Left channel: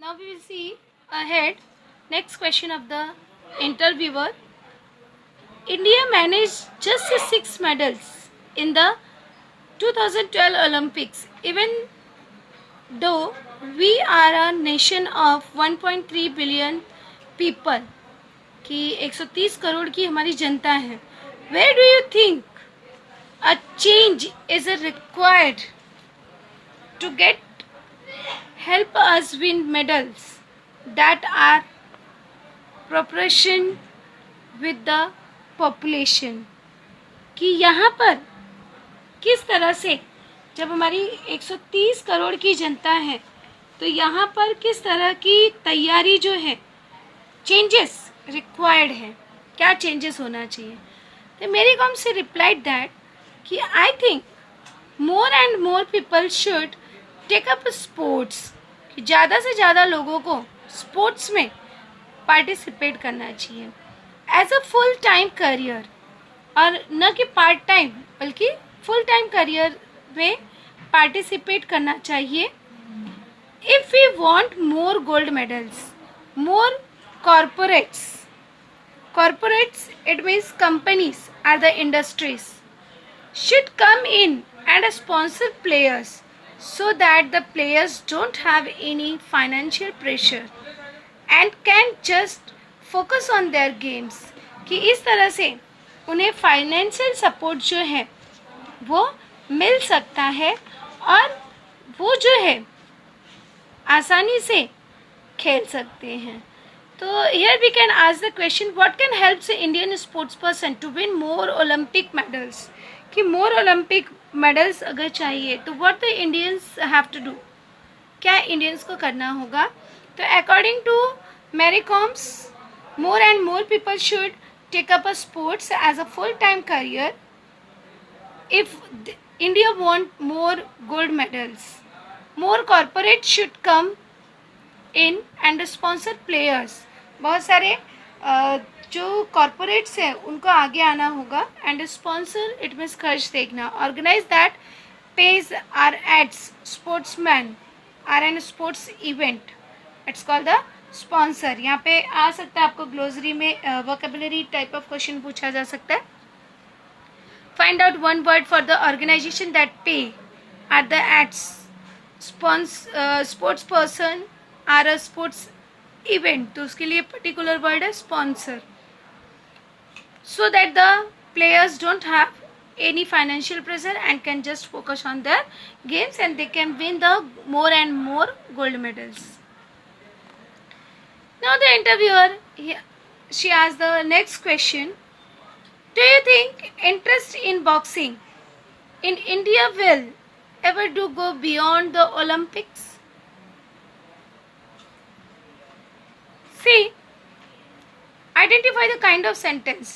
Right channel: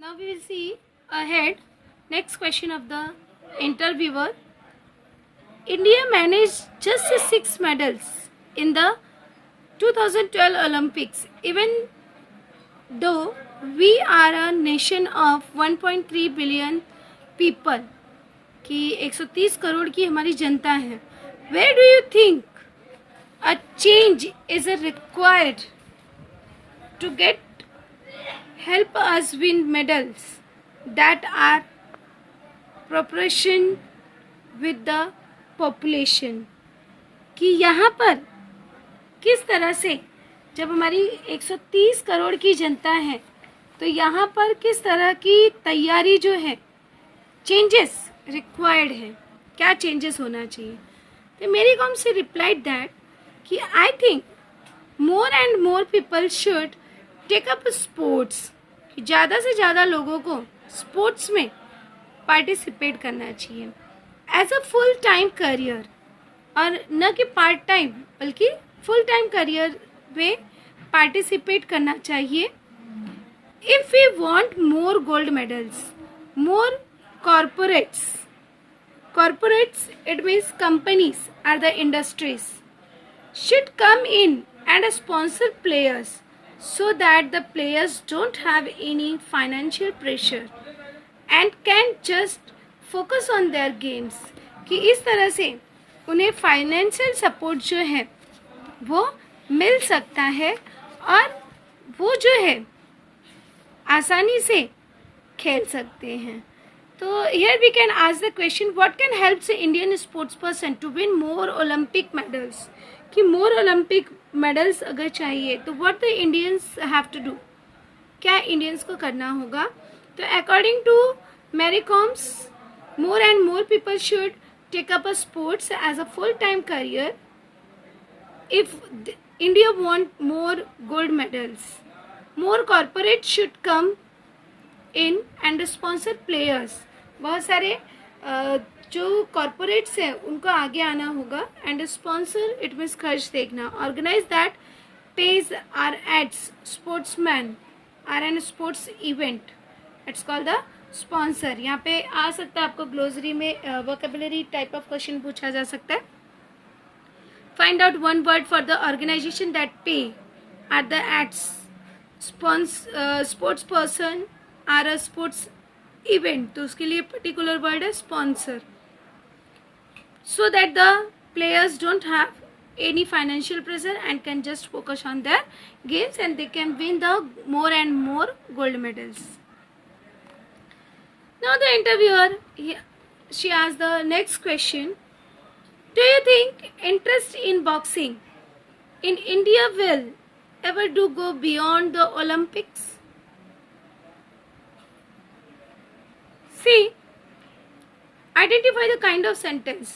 Now we will see ahead. Next question of the interviewer. India managed just 6 medals in the 2012 Olympics, even though we are a nation of 1.3 billion people. कि 130 करोड़ की हमारी जनता है. Where do you think a change is required to get help us win medals that are proportion with the population? कि यहाँ पर किस तरह से जब हमारी 130 करोड़ की जनता है तो यहाँ पर किस तरह की तैयारी जो है चेंजेस रिक्वायर्ड है, क्या चेंजेस होना चाहिए. तो मेरी कॉम से रिप्लाइड दैट कि I think more and more people should take up sports, कि ज़्यादा से ज़्यादा लोगों को स्पोर्ट्स में पार्टिसिपेट करना चाहिए as a full time career, और न कि पार्ट टाइम बल्कि फुल टाइम करियर में पार्टिसिपेट करना चाहिए. If we want more gold medals, more corporates, it means companies are the industries, should come in and sponsor players so that the players don't have any financial pressure and can just focus on their games. कि इस तरह से उन्हें financial support जो है वो मिल सकता है और वो जो है आसानी से खेल सकते हैं. तो here we can ask the question, what can help the Indian sports person to win more Olympic medals? कि more Olympic medals अगर चाहिए तो what the Indians have to do? क्या Indians को करना होगा? तो according to Mary Com's, more and more people should take up a sports as a full-time career. If India want more gold medals, more corporates should come in and sponsor players. बहुत सारे जो corporates हैं उनको आगे आना होगा and sponsor it means खर्च देखना. Organize that page are ads sportsman are an sports event, it's called the sponsor. यहाँ पे आ सकता है आपको ग्लोसरी में वोकेबुलरी टाइप ऑफ क्वेश्चन पूछा जा सकता है. Find out one word for the organization that pay or the aids sports person or a sports event, तो उसके लिए पर्टिकुलर वर्ड है sponsor. So that the players don't have any financial pressure and can just focus on their games and they can win the more and more gold medals. Now the interviewer she asked the next question, do you think interest in boxing in India will ever do go beyond the Olympics? See, identify the kind of sentence.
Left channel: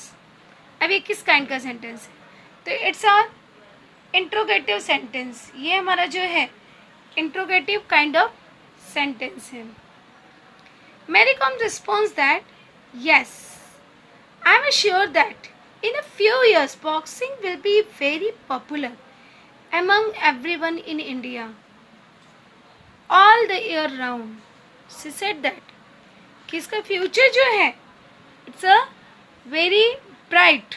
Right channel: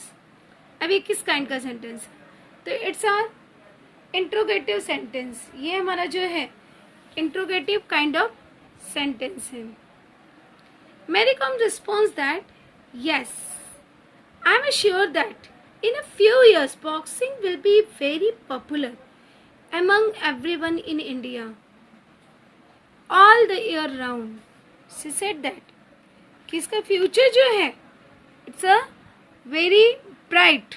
अब ये किस kind का sentence है? तो it's a interrogative sentence. ये हमारा जो है इंट्रोगेटिव काइंड ऑफ सेंटेंस है. Mary Com responds that yes, I am sure that in a few years boxing will be very popular among everyone in India all the year round. She said that कि इसका future जो है it's a very bright,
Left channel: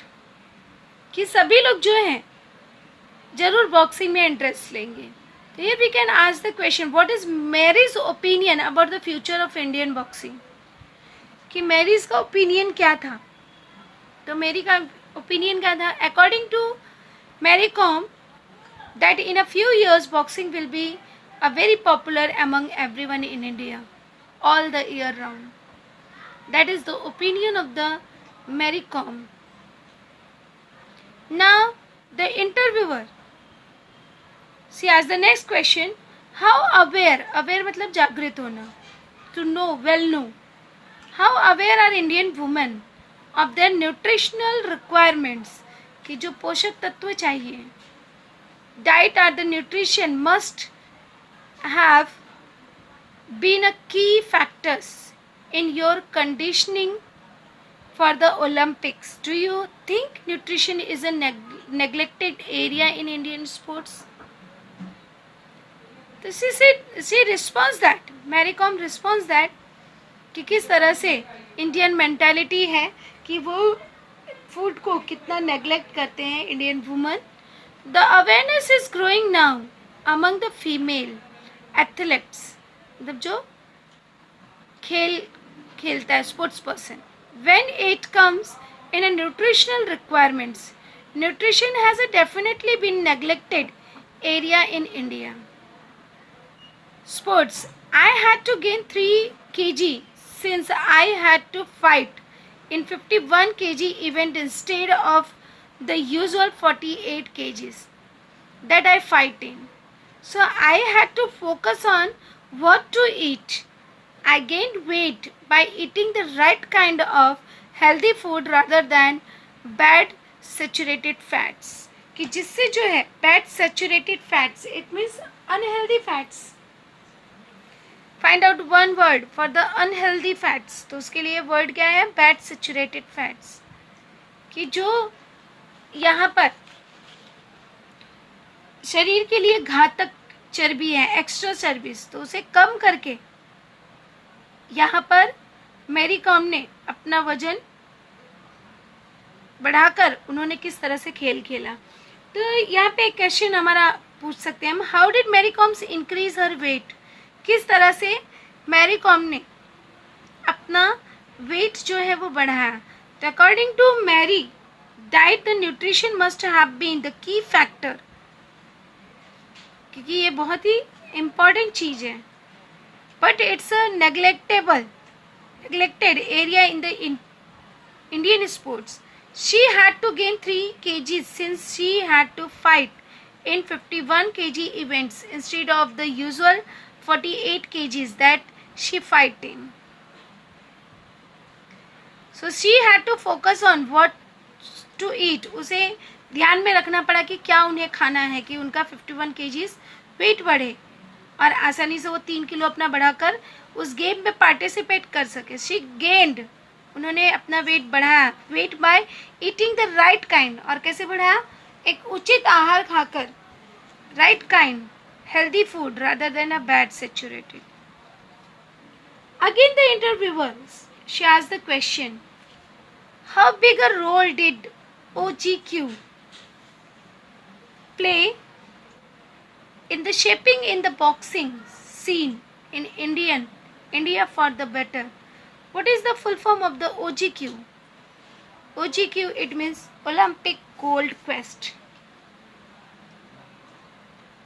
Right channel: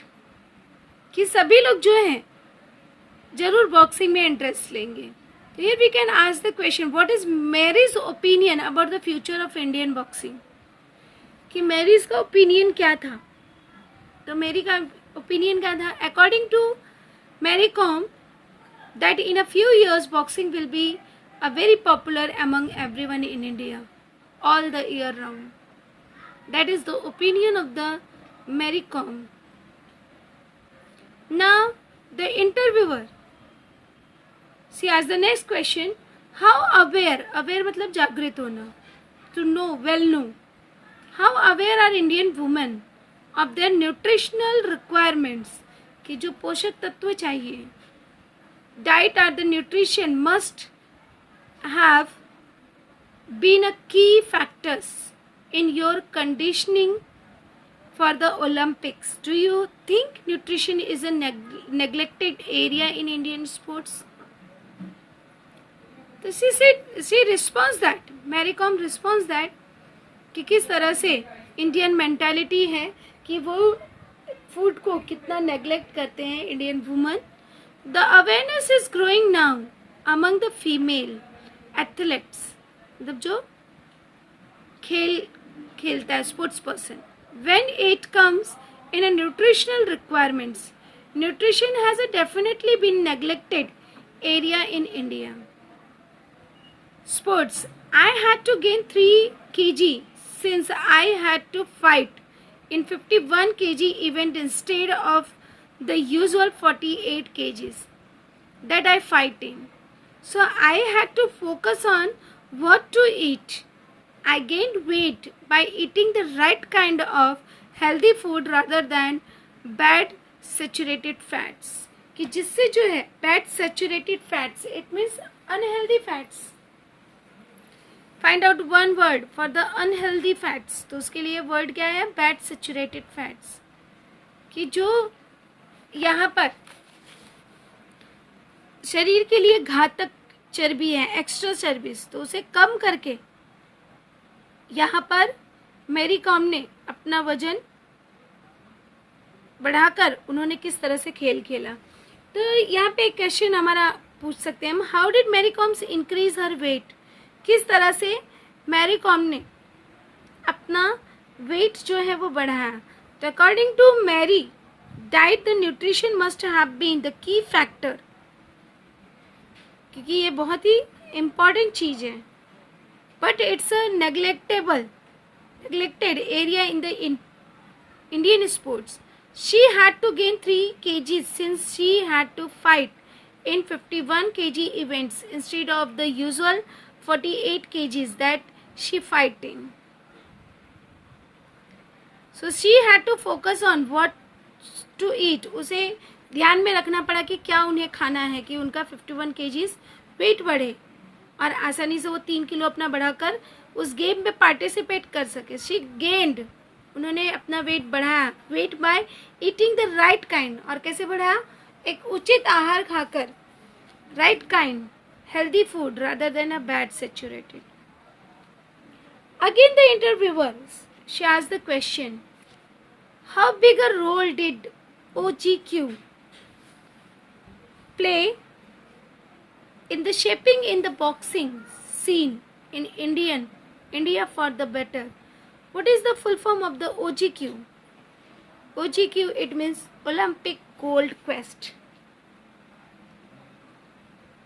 कि सभी लोग जो हैं जरूर बॉक्सिंग में इंटरेस्ट लेंगे. तो ये we can ask the question, what is Mary's opinion about the future of Indian boxing. कि मैरीज का ओपिनियन क्या था. तो मेरी का ओपिनियन क्या था. According to Mary Kom, that in a few years boxing will be a very popular among everyone in India all the year round. That is the opinion of the Mary Com. Now the interviewer, she asked the next question, how aware मतलब जागृत होना, to know, well know, how aware are Indian women of their nutritional requirements, कि जो पोषक तत्व चाहिए, diet or the nutrition must have been a key factors in your conditioning for the Olympics. Do you think nutrition is a neglected area in Indian sports? तो she response that, Mary Kom response that कि किस तरह से Indian mentality है कि वो food को कितना नेग्लेक्ट करते हैं Indian woman. The awareness is growing now among the female athletes, मतलब जो खेलता है, sports person. When it comes in a nutritional requirements, nutrition has a definitely been neglected area in India. Sports. I had to gain 3 kg since I had to fight in 51 kg event instead of the usual 48 kgs that I fight in. So I had to focus on what to eat. I gained weight by eating the right kind of healthy food rather than bad saturated fats. कि जिससे जो है bad saturated fats, it means unhealthy fats. Find out one word for the unhealthy fats. तो उसके लिए word क्या है? bad saturated fats. कि जो यहाँ पर शरीर के लिए घातक चर्बी है, एक्स्ट्रा चर्बीज, तो उसे कम करके यहाँ पर मैरी कॉम ने अपना वजन बढ़ाकर उन्होंने किस तरह से खेल खेला. तो यहाँ पे एक क्वेश्चन हमारा पूछ सकते हैं हम, how did Mary Kom's increase her weight. किस तरह से मैरी कॉम ने अपना वेट जो है वो बढ़ाया. तो according to Mary, diet the nutrition must have been the key factor, क्योंकि ये बहुत ही इम्पॉर्टेंट चीज है. But it's a neglected area in the Indian sports. She had to gain 3 kgs since she had to fight in 51 kg events instead of the usual 48 kgs that she fight in. So she had to focus on what to eat. उसे ध्यान में रखना पड़ा कि क्या उन्हें खाना है कि उनका 51 kgs वेट बढ़े और आसानी से वो 3 किलो अपना बढ़ाकर उस गेम में पार्टिसिपेट कर सके. शी गेंड, उन्होंने अपना वेट बढ़ाया, weight by eating the right kind. और कैसे बढ़ाया? एक उचित आहार खाकर, right kind healthy food rather than a bad saturated. Again the interviewer she asked the question, how big a role did OGQ play in the shaping in the boxing scene in India for the better. What is the full form of the OGQ? OGQ, it means Olympic Gold Quest.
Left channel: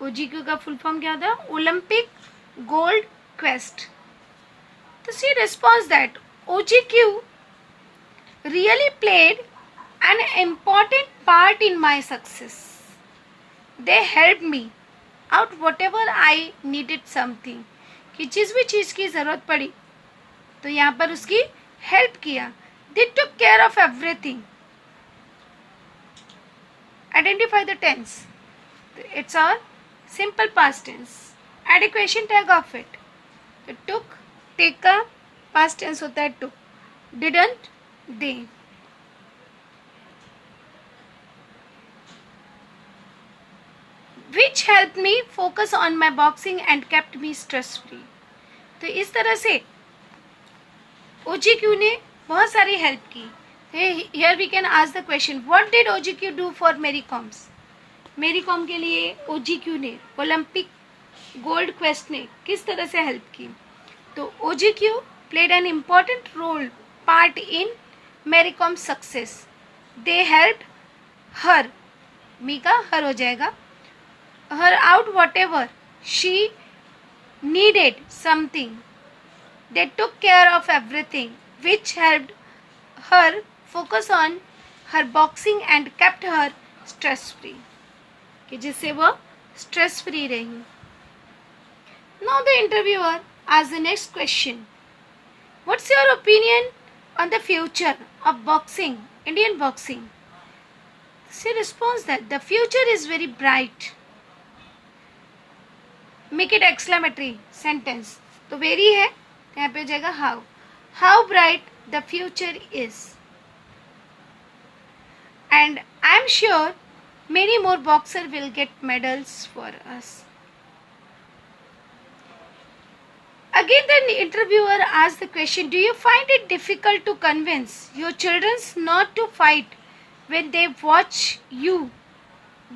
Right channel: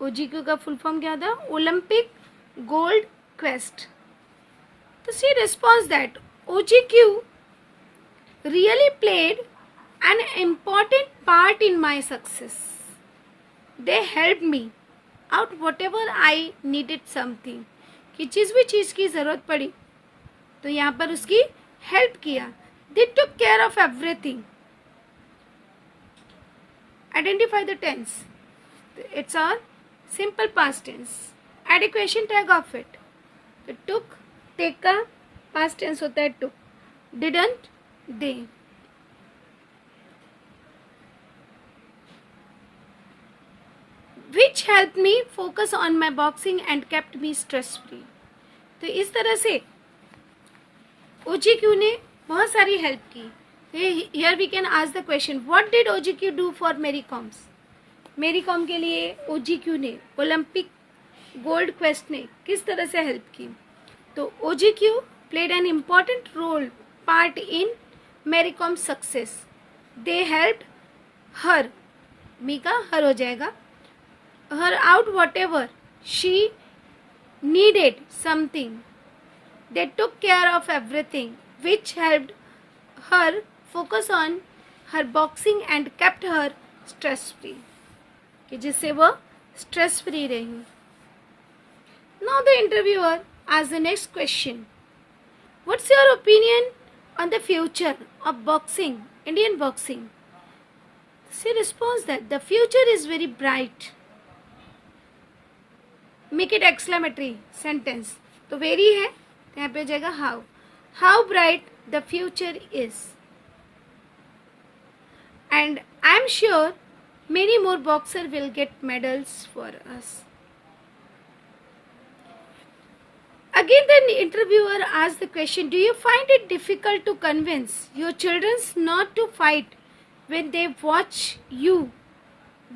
OGQ का full form क्या था? Olympic Gold Quest. तो she responds that OGQ really played an important part in my success. They helped me out whatever I needed something. कि जिस भी चीज़ की ज़रूरत पड़ी तो यहाँ पर उसकी हेल्प किया. They took care of everything. Identify the tense. It's our simple past tense. Add a question tag of it. It took, take का past tense होता है took. Didn't, they. Which helped me focus on my boxing and kept me stress free. तो इस तरह से OGQ ने बहुत सारी हेल्प की. Here we can ask the question, what did OGQ do for Mary Coms? मेरी कॉम के लिए OGQ ने, ओलंपिक गोल्ड क्वेस्ट ने किस तरह से हेल्प की. तो OGQ played an important role part in Mary Com's success. They helped her, मी का हर हो जाएगा, her out whatever she needed something. They took care of everything, which helped her focus on her boxing and kept her stress free. कि जिससे वो stress free रही. Now the interviewer asks the next question. What's your opinion on the future of boxing, Indian boxing? She responds that the future is very bright. Make it exclamatory sentence. तो very है, यहाँ पे जाएगा how. How bright the future is. And I'm sure many more boxers will get medals for us. Again, the interviewer asked the question, do you find it difficult to convince your children not to fight when they watch you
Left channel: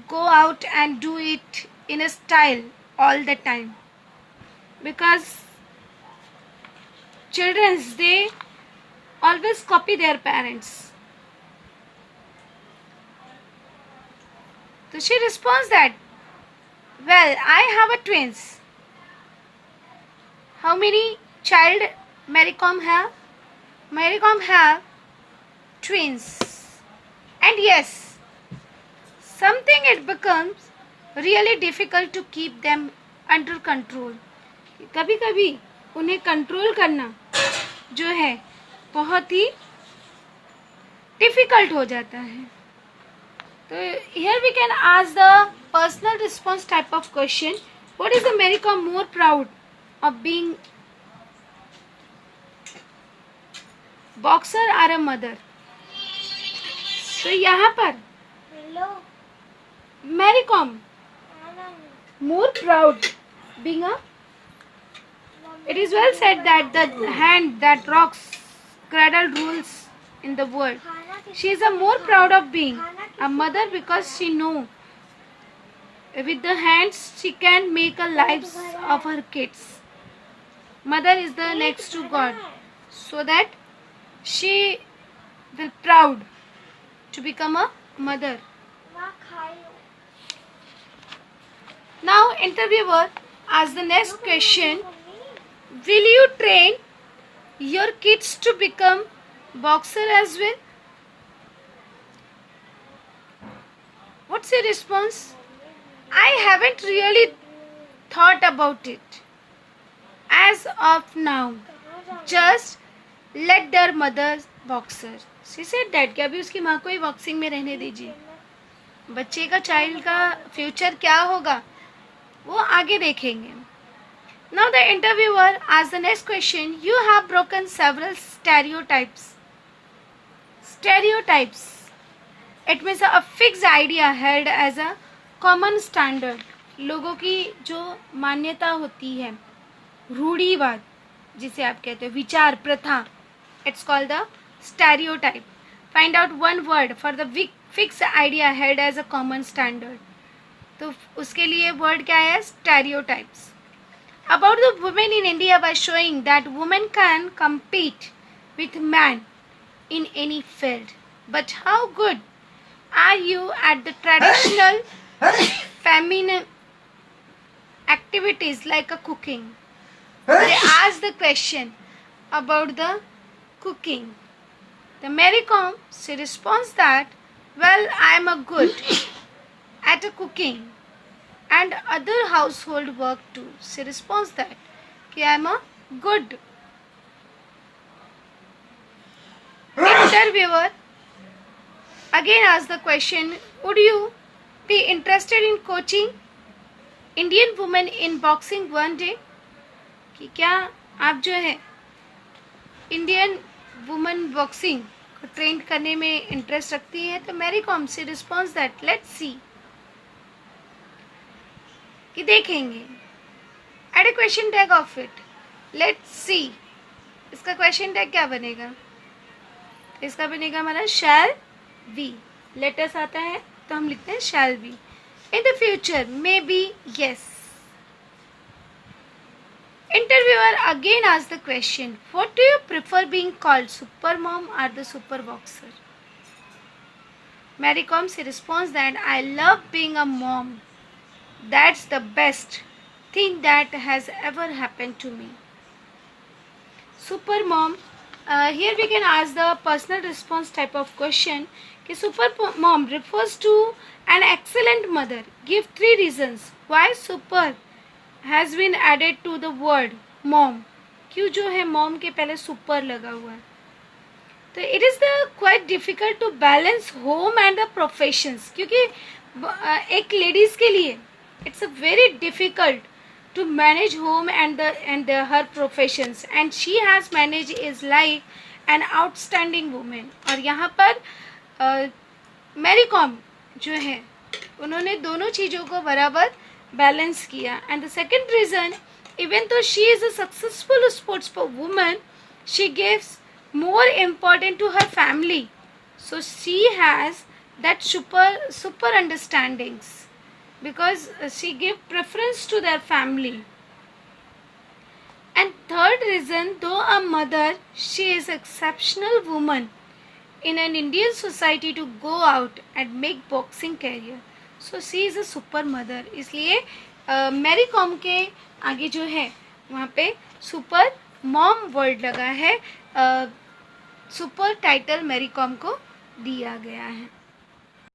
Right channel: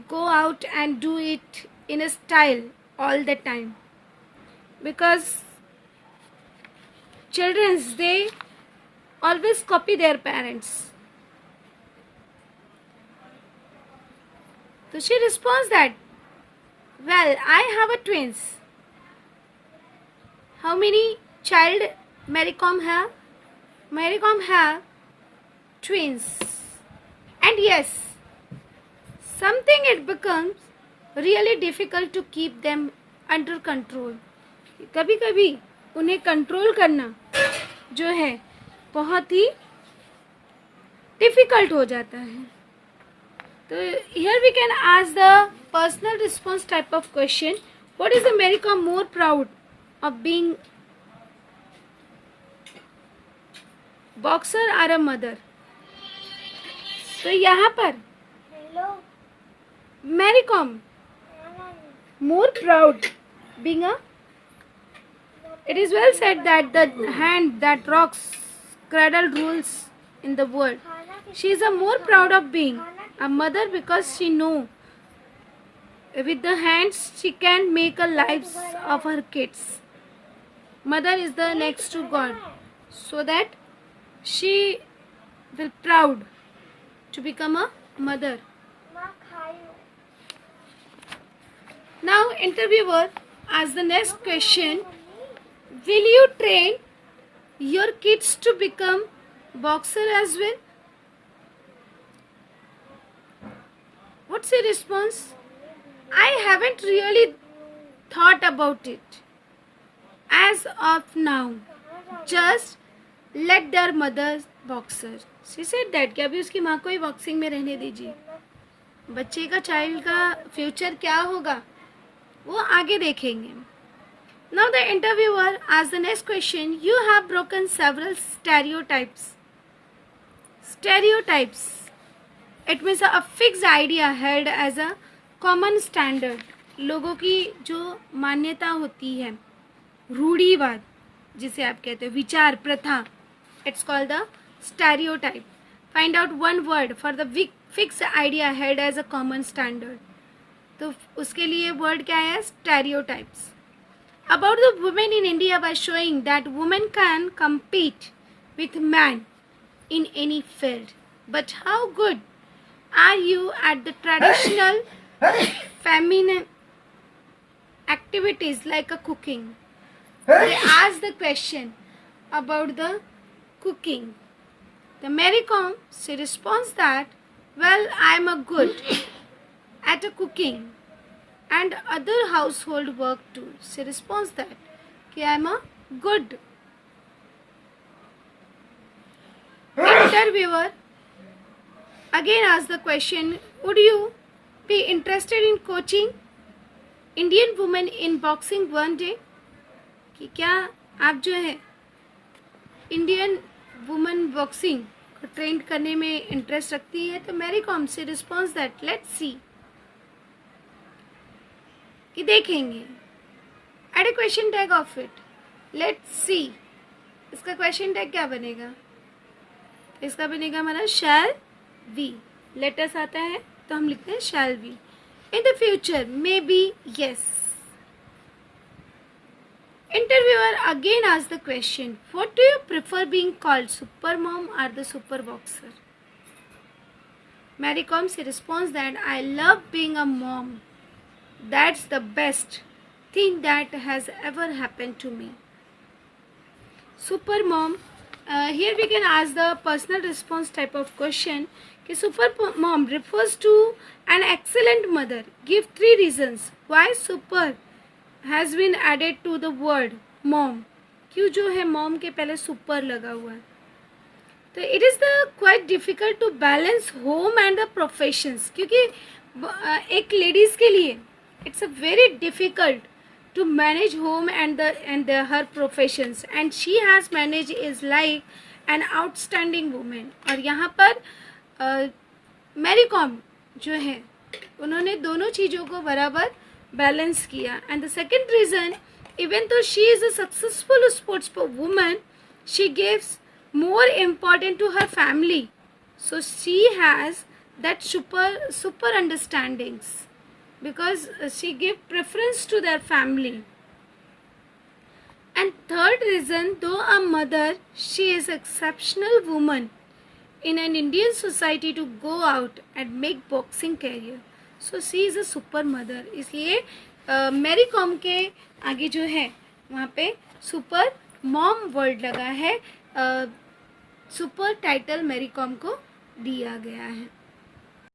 go out and do it in a style all the time? Because children, they always copy their parents. So she responds that, well, I have a twins. How many child Mary Kom have? Mary Kom have twins. And yes, something it becomes really difficult to keep them under control. कभी कभी उन्हें control करना जो है बहुत ही difficult हो जाता है. तो here we can ask the personal response type of question. What is the Mary Kom more proud of being boxer or a mother? तो यहाँ पर Mary Kom more proud being a, it is well said that the hand that rocks cradle rules in the world. She is a more proud of being a mother because she know with the hands she can make a lives of her kids. Mother is the next to God, so that she will proud to become a mother. Now interviewer asks the next question, will you train your kids to become boxer as well? What's your response? I haven't really thought about it as of now. Just let their mother boxer. She said that कि अभी उसकी माँ को ही boxing में रहने दीजिए. बच्चे का चाइल्ड का फ्यूचर क्या होगा वो आगे देखेंगे. Now the interviewer asks the next question. You have broken several stereotypes. Stereotypes. It means a fixed idea held as a common standard. लोगों की जो मान्यता होती है, रूढ़िवाद जिसे आप कहते हैं, विचार प्रथा, it's called the stereotype. Find out one word for the fixed idea held as a common standard. तो उसके लिए word क्या है? Stereotypes. About the women in India by showing that women can compete with men in any field. But how good are you at the traditional feminine activities like a cooking? They ask the question about the cooking. The Mary Kom, she responds that, well, I am a good at a cooking and other household work too. She responds that I am a good. Interviewer again asks the question, would you be interested in coaching Indian women in boxing one day? कि क्या आप जो है Indian women boxing को train करने में interest रखती है? तो मैरी कॉम से रिस्पॉन्स दैट लेट्स सी, कि देखेंगे. Add a question tag of it, let's see. इसका क्वेश्चन टैग क्या बनेगा? इसका बनेगा हमारा शैल वी. लेटर्स आता है तो हम लिखते हैं shall we. In the future maybe yes. Interviewer again asks the question, what do you prefer being called, super mom or the super boxer? Mary Kom responds that I love being a mom. That's the best thing that has ever happened to me. Super mom, here we can ask the personal response type of question. कि super mom refers to an excellent mother. Give 3 reasons why super has been added to the word mom. क्यों जो है mom के पहले super लगा हुआ है? तो it is the quite difficult to balance home and the professions. क्योंकि एक ladies के लिए it's a very difficult to manage home and her professions, and she has managed his life an outstanding woman. और यहाँ पर Mary com जो है उन्होंने दोनों चीज़ों को बराबर बैलेंस किया. And the second reason even though she is a successful sports woman, she gives more importance to her family. So she has that super understandings, because she give preference to their family. And third reason, though a mother, she is exceptional woman in an Indian society to go out and make boxing career. So she is a super mother. इसलिए Mary com के आगे जो है वहाँ पे super mom word लगा है, super title Mary com को दिया गया है.